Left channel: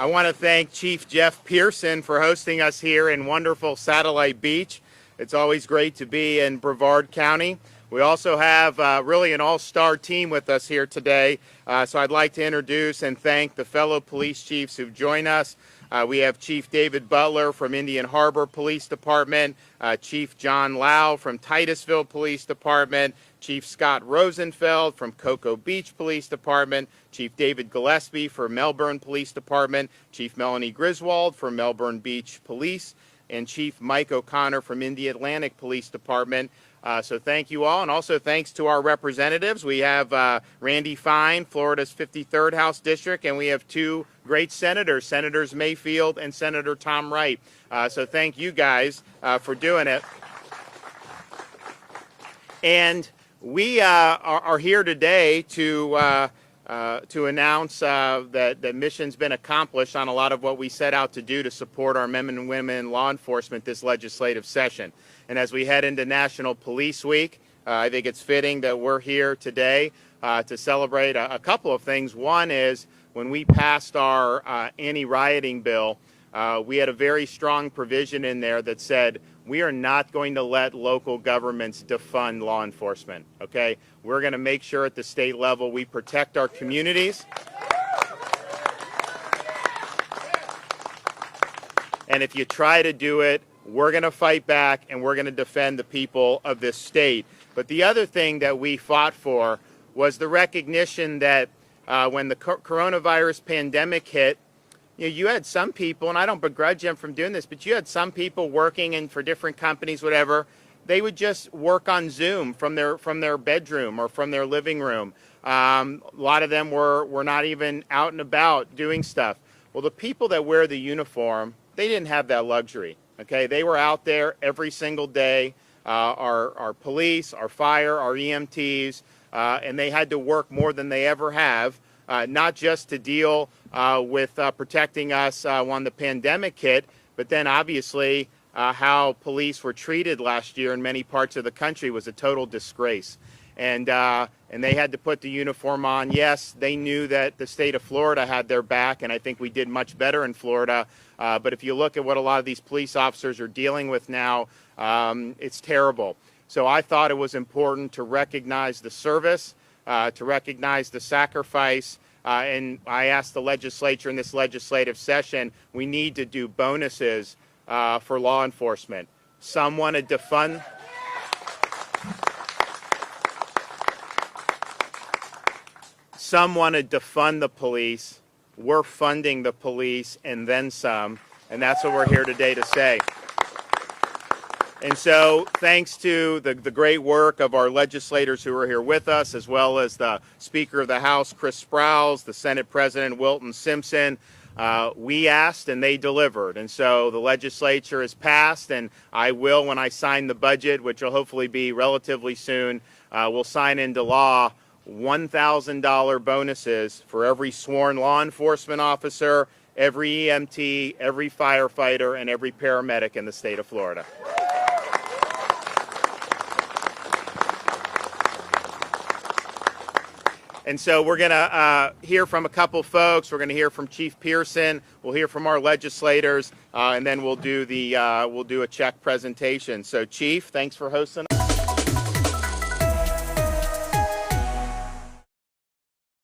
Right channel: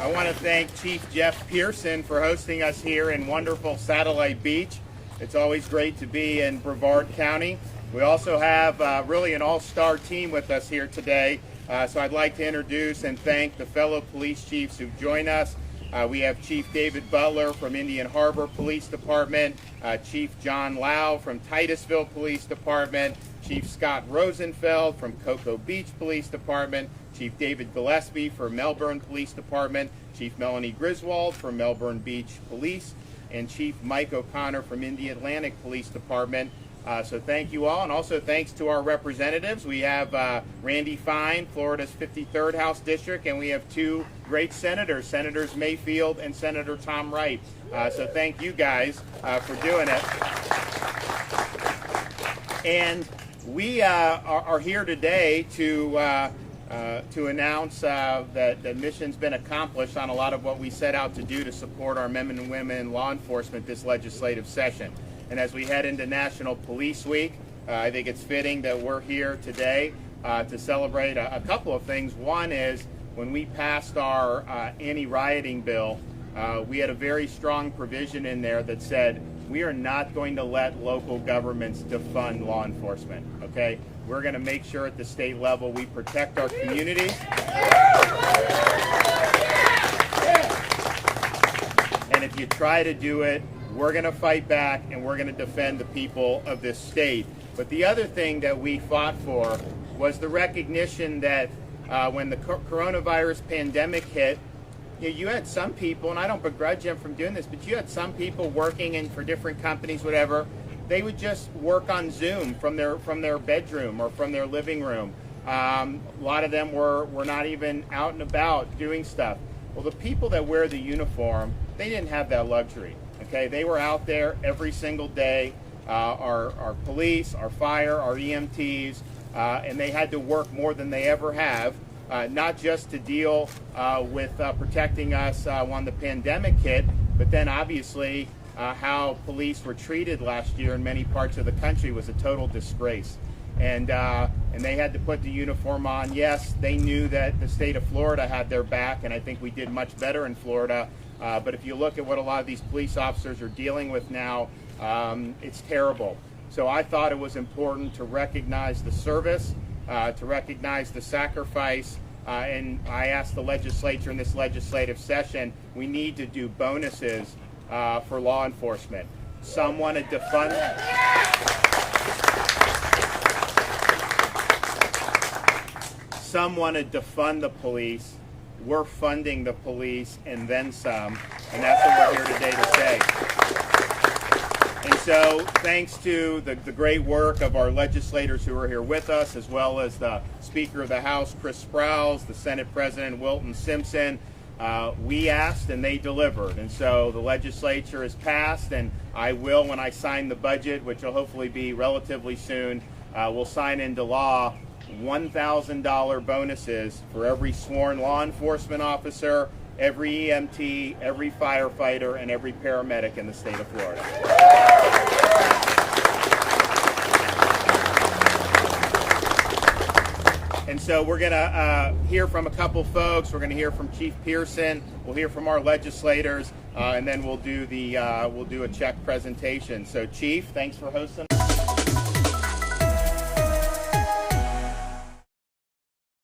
I want to thank Chief Jeff Pearson for hosting us here in wonderful Satellite Beach. It's always great to be in Brevard County. We also have really an all-star team with us here today. So I'd like to introduce and thank the fellow police chiefs who join us. We have Chief David Butler from Indian Harbor Police Department, Chief John Lau from Titusville Police Department, Chief Scott Rosenfeld from Cocoa Beach Police Department, Chief David Gillespie for Melbourne Police Department, Chief Melanie Griswold from Melbourne Beach Police, and Chief Mike O'Connor from Indy Atlantic Police Department. So thank you all, and also thanks to our representatives. We have Randy Fine, Florida's 53rd House District, and we have two great senators, Senators Mayfield and Senator Tom Wright. So thank you guys for doing it. And we are here today to announce that the mission's been accomplished on a lot of what we set out to do to support our men and women in law enforcement this legislative session. And as we head into National Police Week, I think it's fitting that we're here today to celebrate a couple of things. One is when we passed our anti-rioting bill, we had a very strong provision in there that said we are not going to let local governments defund law enforcement, okay? We're going to make sure at the state level we protect our communities. And if you try to do it, we're going to fight back and we're going to defend the people of this state. But the other thing that we fought for was the recognition that when the coronavirus pandemic hit, you had some people, and I don't begrudge them from doing this, but you had some people working for different companies, whatever. They would just work on Zoom from their bedroom or from their living room. A lot of them were not even out and about doing stuff. Well, the people that wear the uniform, they didn't have that luxury. Okay, they were out there every single day. Our police, our fire, our EMTs, and they had to work more than they ever have. Not just to deal with protecting us when the pandemic hit, but then obviously how police were treated last year in many parts of the country was a total disgrace. And they had to put the uniform on. Yes, they knew that the state of Florida had their back, and I think we did much better in Florida. But if you look at what a lot of these police officers are dealing with now, it's terrible. So I thought it was important to recognize the service, to recognize the sacrifice, and I asked the legislature in this legislative session, we need to do bonuses for law enforcement. Some want to defund. Some want to defund the police. We're funding the police and then some, and that's what we're here today to say. And so thanks to the great work of our legislators who are here with us, as well as the Speaker of the House, Chris Sprowls, the Senate President, Wilton Simpson, we asked and they delivered. And so the legislature has passed, and I will, when I sign the budget, which will hopefully be relatively soon, we'll sign into law $1,000 bonuses for every sworn law enforcement officer, every EMT, every firefighter, and every paramedic in the state of Florida. And so we're going to hear from a couple folks. We're going to hear from Chief Pearson. We'll hear from our legislators, and then we'll do a check presentation. So, Chief, thanks for hosting us.